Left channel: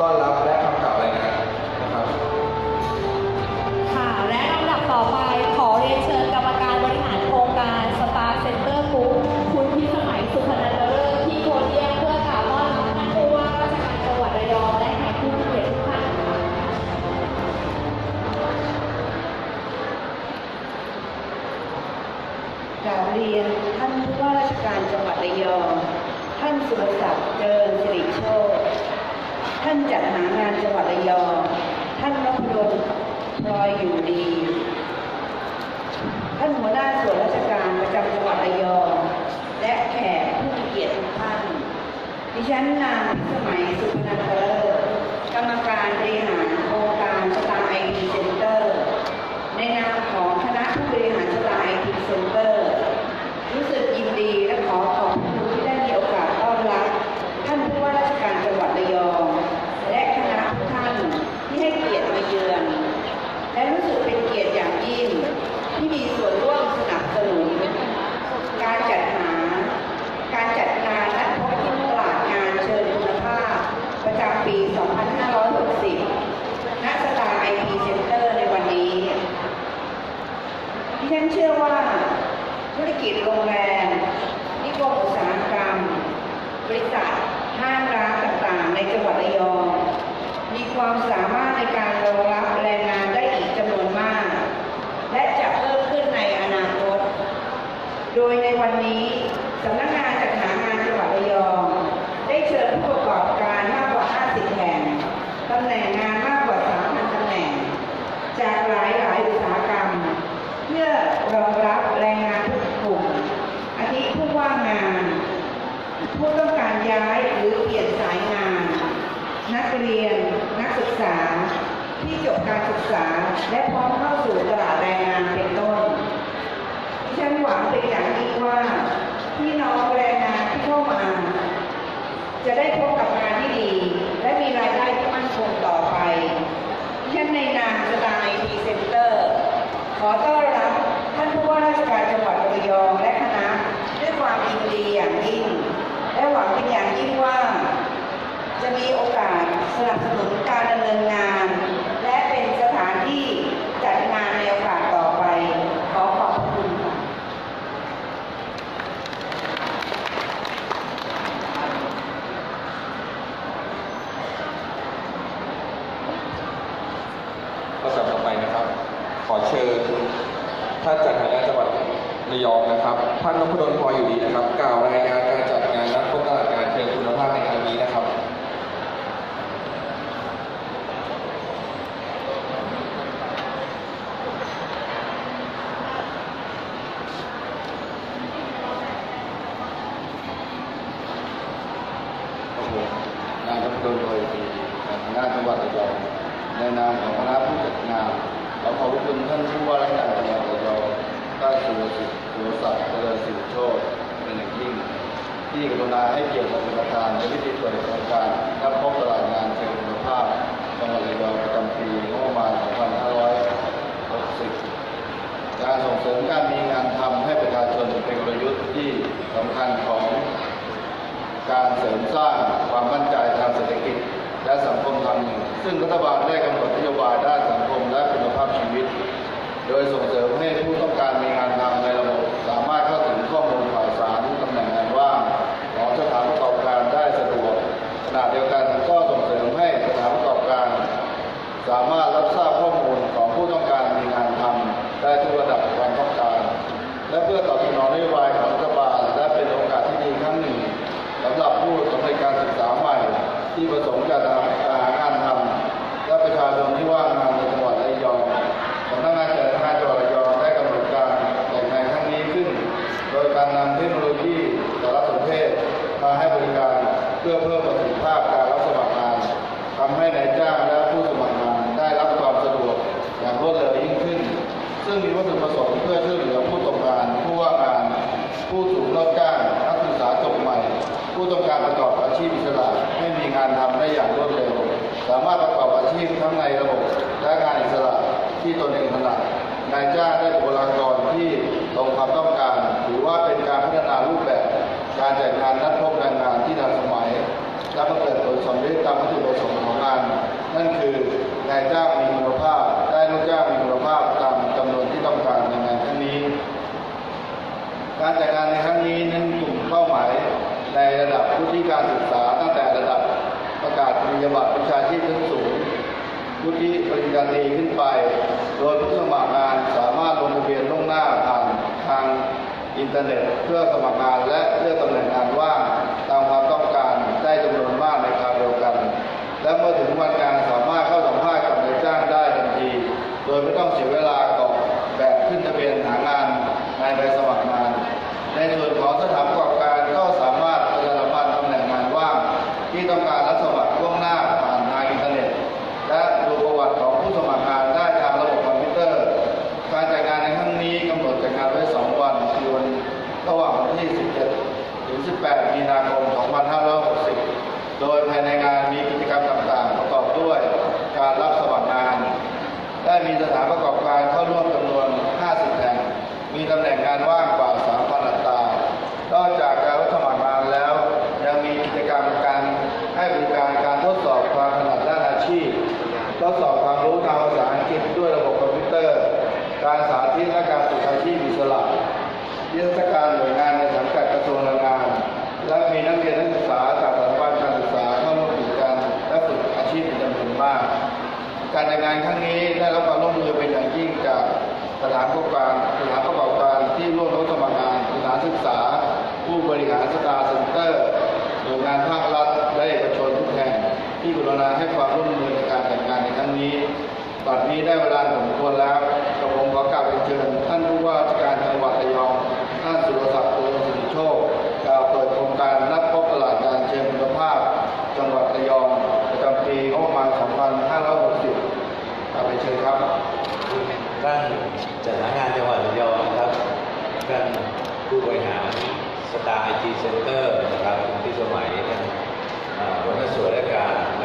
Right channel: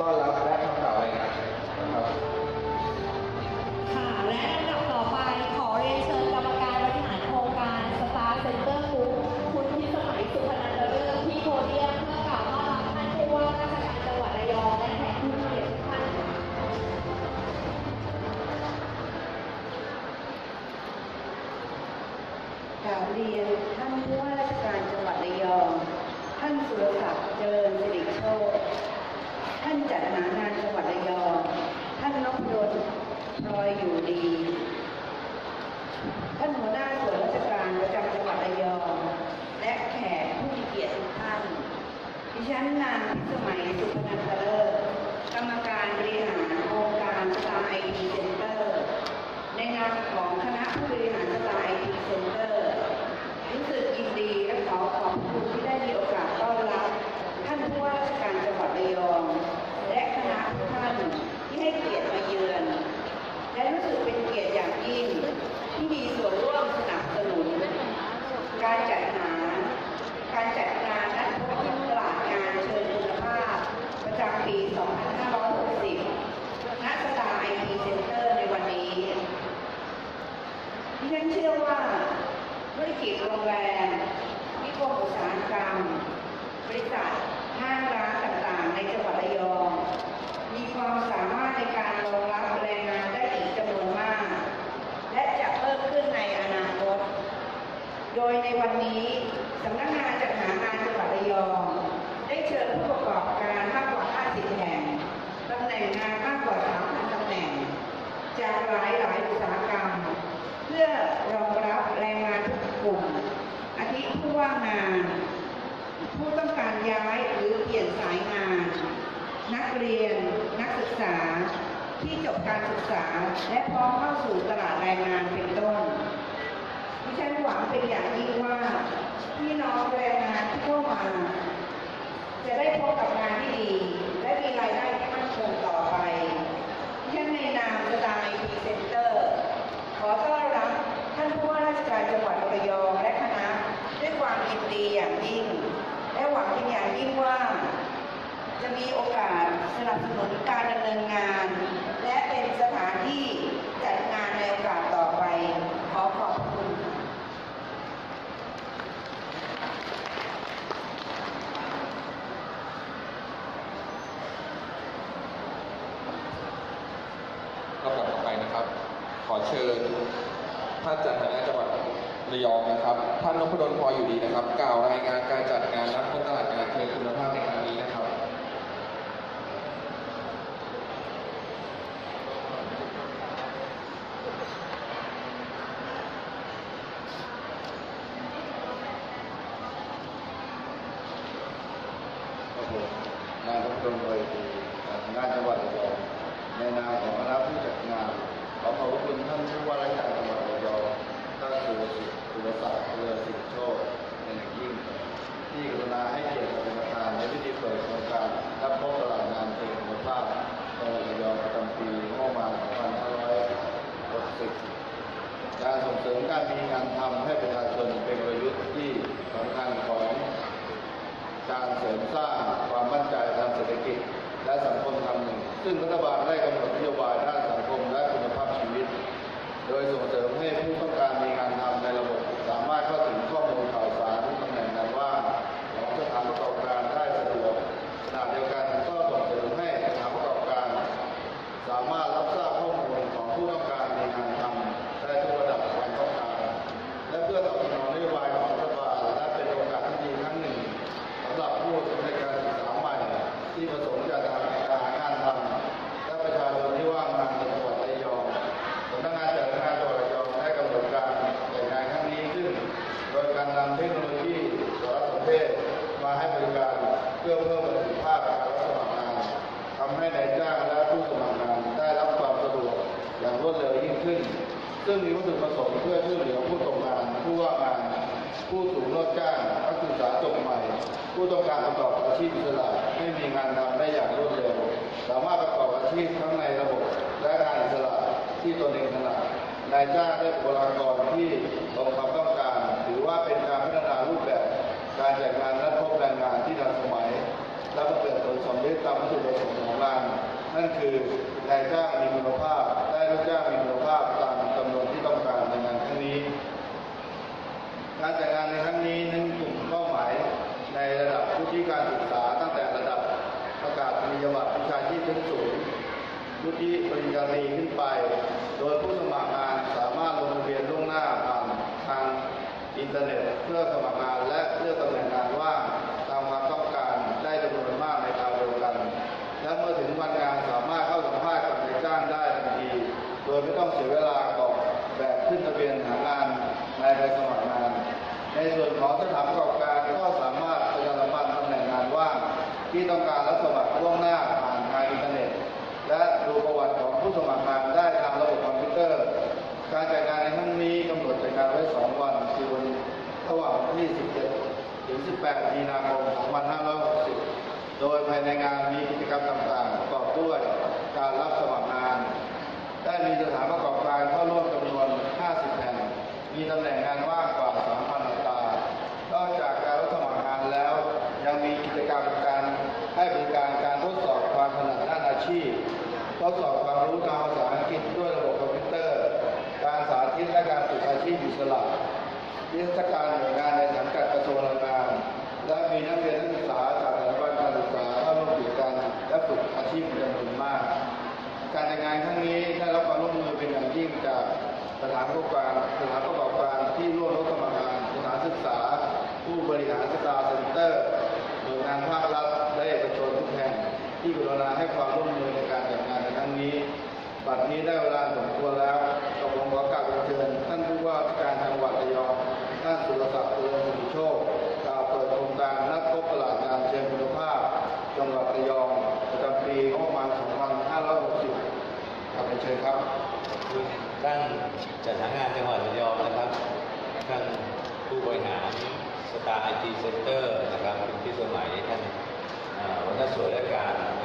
palavra. em làm ขอต้อน สร้างความมั่นใจทางเศรษฐกิจ และสังคมทางหนึ่ง ซึ่งรัฐบาลได้กำหนดนโยบายด้านสังคมและคุณภาพชีวิต โดยส่งเสริมให้ผู้ต้องการมีงาน ผู้ต้องการประกอบอาชีพอิสระไม่มีงานทำได้อย่างรวดเร็ว สามารถประกอบอาชีพทั้งในระบบและงานอิสระที่ตนเองถนัดนายจ้างได้บุคลากรที่ตรงความต้องการ ถือว่าเป็นการพัฒนารูปแบบ การจัดงานนัดพบแรงงานที่ทันสมัยและประเกิดผลสำเร็จตามวัตถุประสงค์ของงาน นั่นคือนายจ้างมีคุณภาพ ได้ลูกจ้างมีคุณภาพตามจำนวนที่ต้องการในงานครั้งนี้ การจัดงานในครั้งนี้นั้นกลุ่มเป้าหมาย ในระดับผู้ที่การศึกษาตั้งแต่ระดับประกาศนียบัตรวิชาชีพชั้นสูงผู้ที่ปริญญาตรีขึ้นไป โดยผู้สมัครงานสามารถลงทะเบียนล่วงหน้าผ่านทางอินเทอร์เน็ต เพื่อสมัครงานและเลือกตำแหน่งงานว่างตามความต้องการได้จำนวนมากในคราวเดียวกัน และเมื่อถึง ระหว่างวันที่ 17 ถึง 18 มีนาคม 2560 โดยภายในงานมีกิจกรรมต่างๆ ประกอบด้วยการรับสวัครงาน ได้มีสถานประกอบการเข้าร่วม เชิญครับท่านจัดหางานจังหวัดระยองนะครับท่านผู้บริหารสตาร์ไอทีเซ็นเตอร์นะครับที่สมัยท่านวัฒนสวยและการ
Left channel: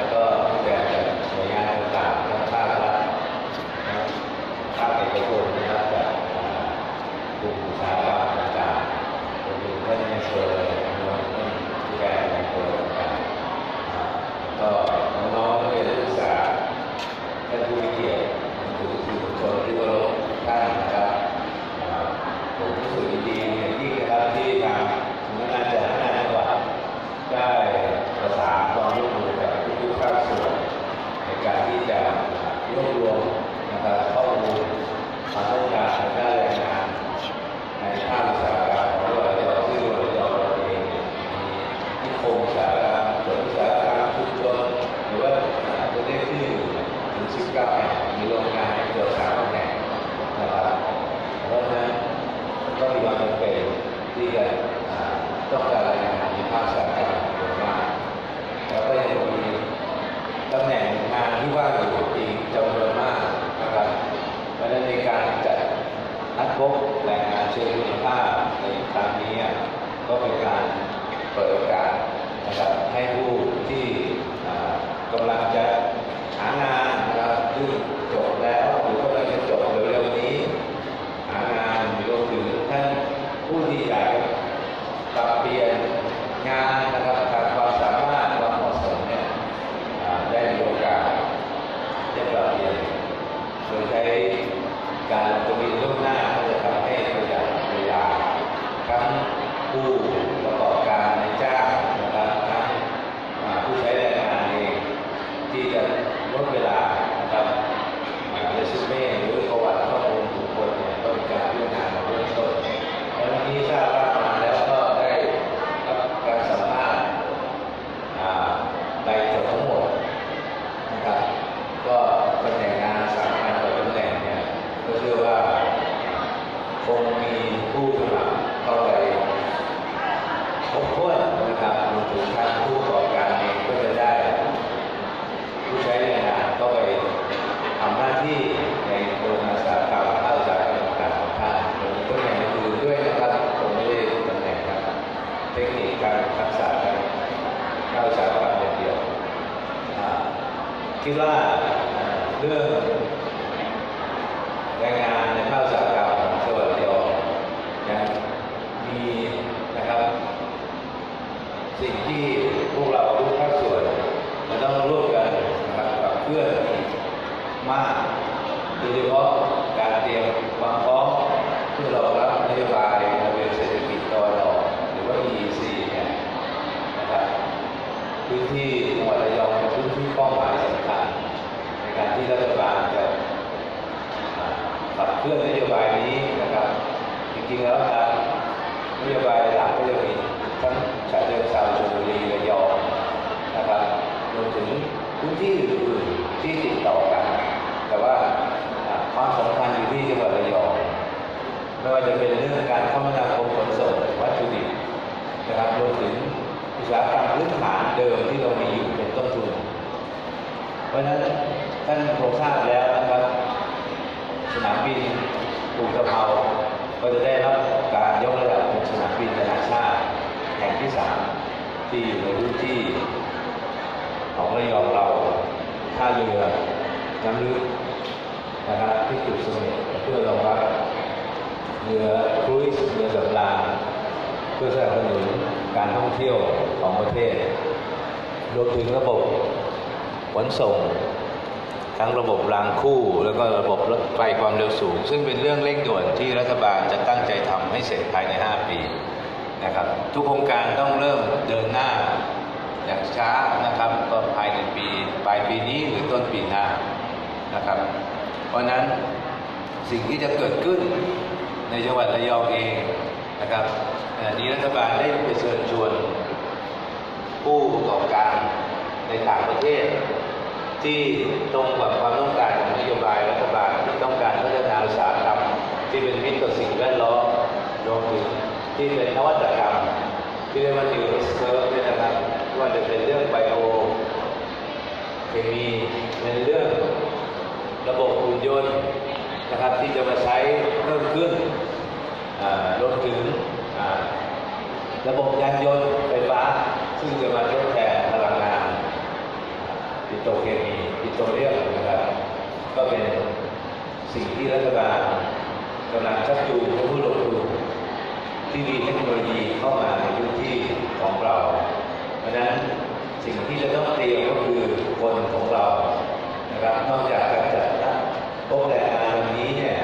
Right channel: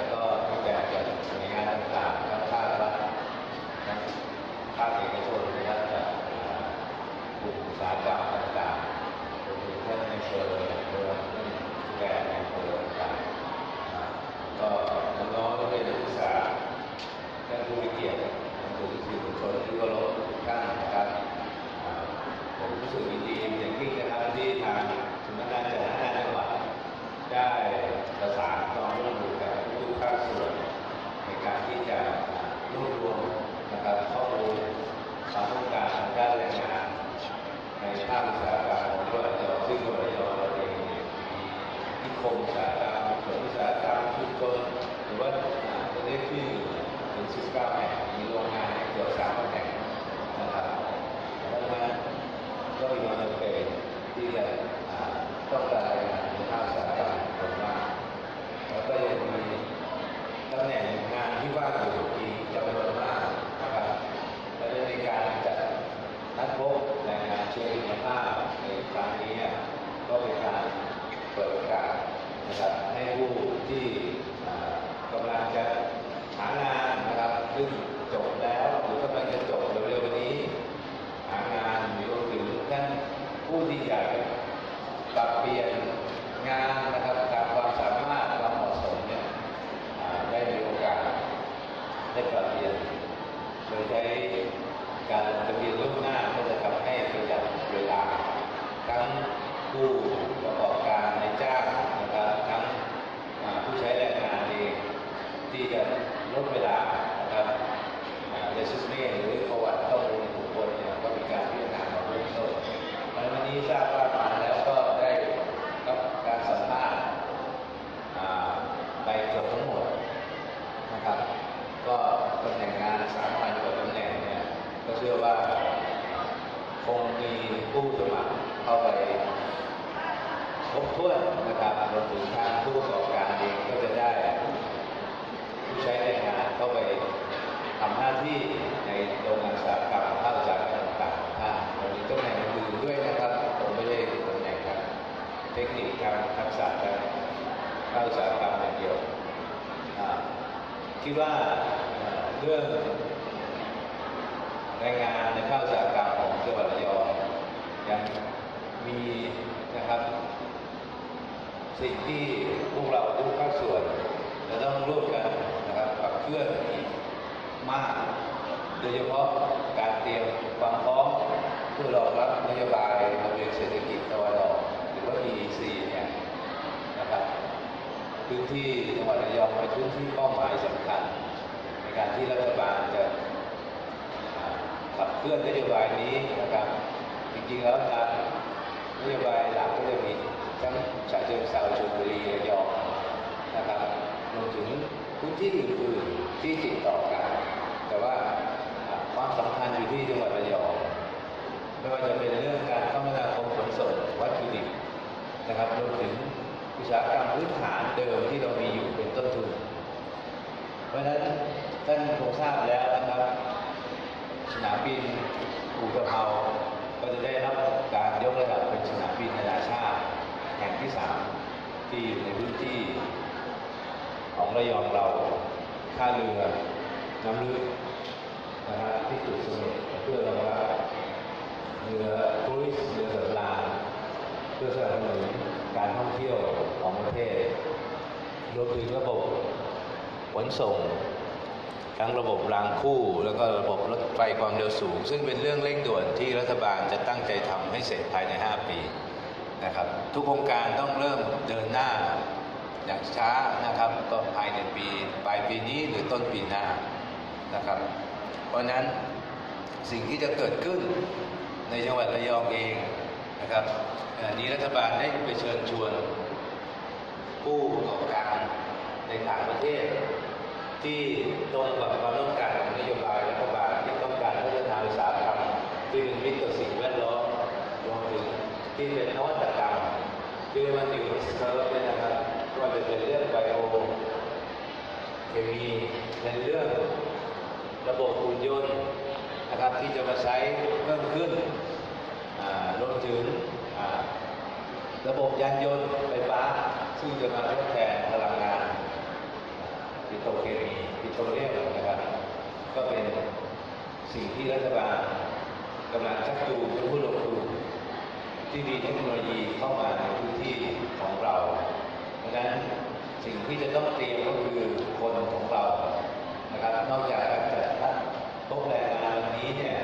สิ่งที่พวกเราทุกภาคส่วนมันต้องร่วมกันนะครับกับเพื่อนมากโดยเฉพาะการเตรียมความพร้อมเพื่อรองรับนโยบายโมเดลเศรษฐกิจตอวันออกหรือว่า EEC เนี่ยนะครับพื้นที่จังหวัดระยองเป็นพื้นที่ป้าหมายสำคัญในการที่รัฐบาลจะขับเคลื่อนนโยบายนี้นะครับจริงๆแล้ว งทราบแล้วนะครับ สนามบินอุตภาวก็จะได้รับการยกระดับเป็นสนามบินนานาชาติแห่งที่สามที่อยู่ในพื้นที่ของระยองเราท่าเรือน้ำลึกนะครับที่จุดสมุทรเพื่อรองรับเรือครูซเรือสำราญเพื่อสนับสนุนการท่องเที่ยวของประเทศรวมถึงระบบขนส่ง ทั้งระบบรางคู่ แล้วก็ระบบรถไฟความเร็วสูง ซึ่งเป็นเรื่องเร่งด่วนที่รัฐบาลจะตั้งใจทำให้เสร็จภายใน 5 ปีนะครับทุกโครงการต้องเริ่มเดินหน้าอย่างช้านะครับก็ภายในปีปลายปีนี้หรือต้นปีหน้านะครับ เพราะฉะนั้นสิ่งที่จะเกิดขึ้นในจังหวัดระยองเองนะครับขณะนี้รัฐบาลได้ไปเชิญชวนผู้ประกอบการในต่างประเทศ ที่ตรงกับความต้องการของนโยบายรัฐบาลที่ต้องการพัฒนาอุตสาหกรรมที่เป็นมิตรต่อสิ่งแวดล้อมรวมถึงที่เป็นนวัตกรรม ที่เรียกว่า new s c u r v ด้วยนะครับว่าจะเป็นเรื่องไบโอเคมีในเรื่องระบบหุ่นยนต์นะครับที่จะมาใช้เพิ่มขึ้นรวมถึงระบบยานยนต์ไฟฟ้า ซึ่งจะมาทดแทนพลังงานปิโตรเคมี ปิโตรเลียมนะครับก็เป็นสิ่งที่รัฐบาลกำลังชักจูงผู้ลงทุนที่มีเทคโนโลยีเข้ามาในพื้นที่ของเรา เพราะฉะนั้นสิ่งที่จะต้องเตรียมก็คือคนของเรานะครับนอกจากการจัดตั้งโต๊ะแรงงานนี้เนี่ย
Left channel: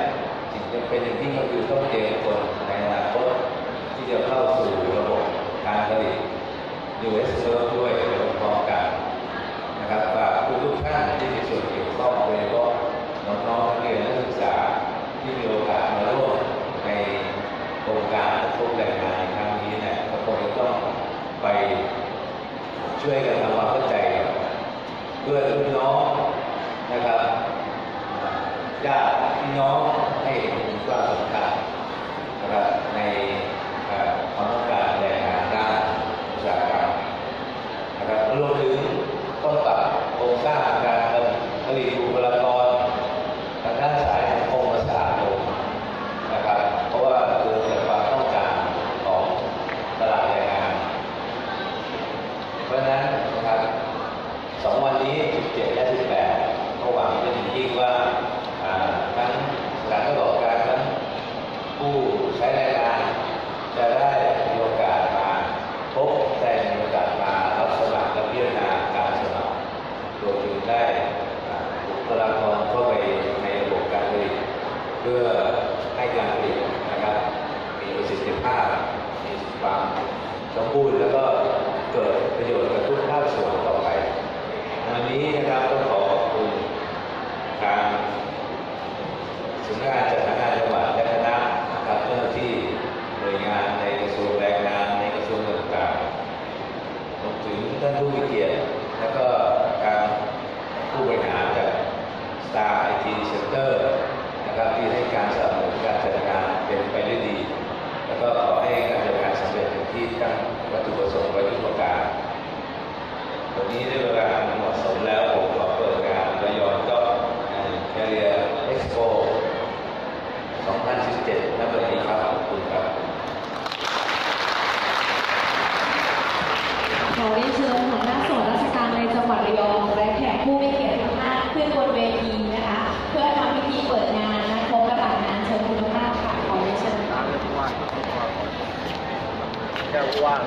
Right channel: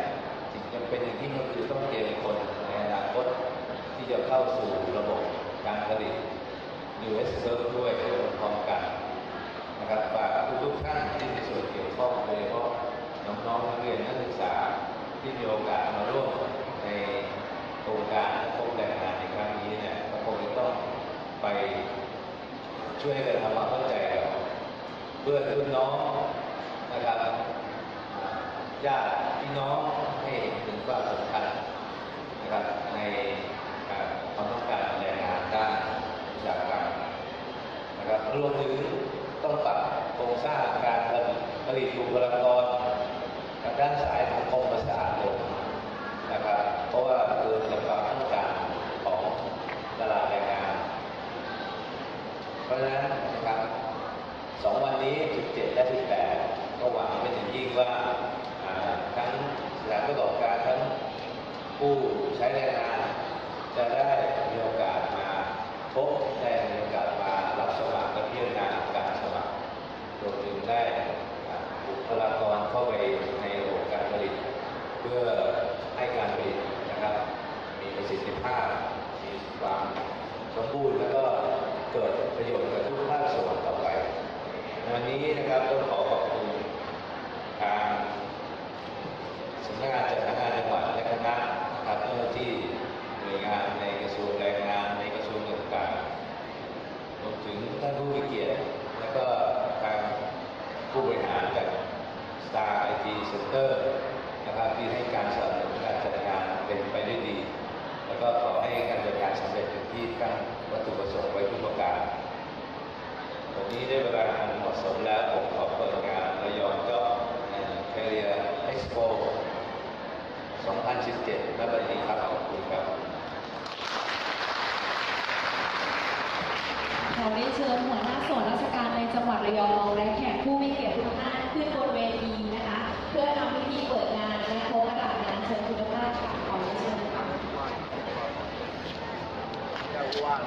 สิ่งจำเป็นอย่างที่ก็คือต้องเตรียมคนในอนาคตที่จะเข้าสู่ระบบการผลิต US เพิ่มด้วยพร้อมกันนะครับฝากทุกๆท่านที่มีส่วนเกี่ยวข้องโดยเฉพาะน้องๆนักเรียนนักศึกษาที่มีโอกาสมาร่วมในโครง การทุกแรงงานในครั้งนี้เนี่ยก็คงจะต้องไปช่วยกันทำความเข้าใจเพื่อพี่น้องนะครับญาติพี่น้องให้เห็นความสำคัญนะครับในเอ่อความต้องการแรงงานด้านอุตสาหกรรมนะครับรวมถึงต้องปรับโครงสร้างการผลิตบุคลากรทางด้านสายสังคมและสาธารณสุขนะครับ เพราะว่าเกิดจากความต้องการของตลาดแรงงาน เพราะฉะนั้นนะครับสองวันนี้ 17 และ 18ก็หวังเป็นอย่างยิ่งว่าอ่าทั้งสถานประกอบการทั้ง ผู้ใช้แรงงานจะได้มีโอกาสมาพบแต่มีโอกาสมารับสมัครและพิจารณาการสมัครรวมถึงได้อ่าบุคลากรเข้าไปในระบบการผลิตเพื่อให้การผลิตนะครับ มีประสิทธิภาพ มีความสมบูรณ์แล้วก็เกิดประโยชน์กับทุกภาคส่วนต่อไป วันนี้นะครับต้องขอขอบคุณทาง สำนักงานจัดหางานจังหวัดและคณะนะครับเจ้าหน้าที่หน่วยงานในกระทรวงแรงงานในกระทรวงต่างๆรวมถึงท่านผู้มีเกียรติและก็การผู้บริหารจาก Star IT Center นะครับที่ให้การสนับสนุนการจัดงานเป็นไปด้วยดี แล้วก็ขอให้การจัดงานสำเร็จเป็นที่ตั้งวัตถุประสงค์ไว้ทุกประการ วันนี้ได้เวลาเหมาะสมแล้วผมขอเปิดงานระยองก็แคเรียเอ็กซ์โป 2017ณวันนี้ครับขอบคุณครับ ขอเรียนเชิญหัวหน้าส่วนราชการในจังหวัดระยองและแขกผู้มีเกียรติทุกท่านขึ้นบนเวทีนะคะ เพื่อทำพิธีเปิดงานและพบกับงานเชิญคุณภาพค่ะขอเรียนเชิญค่ะ แค่ว่าง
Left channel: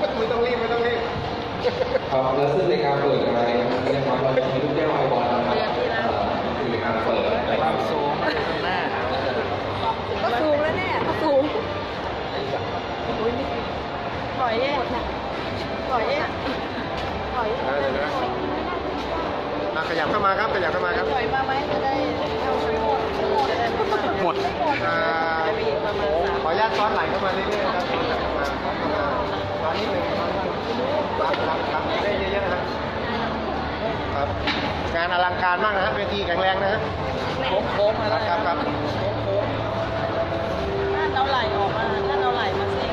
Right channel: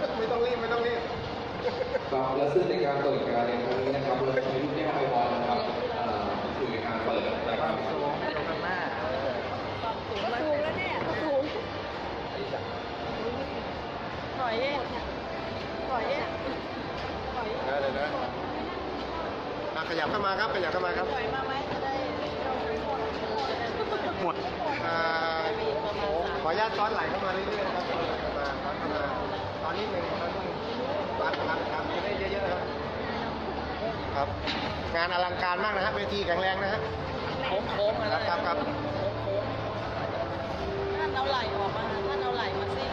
ข ไม่ต้องรีบ ไม่ต้องรีบ ครับและซึ่งในการเปิดงานในครั้งนี้นะครับเราจะมีลูกแก้วไอวอนนะครับคือในการเปิดความสูงตัวข้างหน้าก็สูงแล้วเนี่ยก็สูงถอยเนี่ยถอยเนี่ยถอยได้เลยนะอะขยับเข้ามาครับขยับเข้ามาครับถอยมาไหมจะได้เอาไปหมดหมดขออนุญาตซ้อนไหลเข้ามาเรื่อยๆครับมามาตอนนี้หนึ่ง ได้เยอะๆนะครับครับงานอลังการมากนะฮะเวทีแข็งแรงนะฮะโค้งโค้งมาแล้วครับครับโค้งโค้งท่านเอาไหล่ออกมาท่านเอาไหล่มาสิ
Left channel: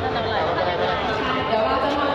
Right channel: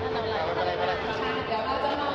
ท่านเอาไหล่ออกมาใช่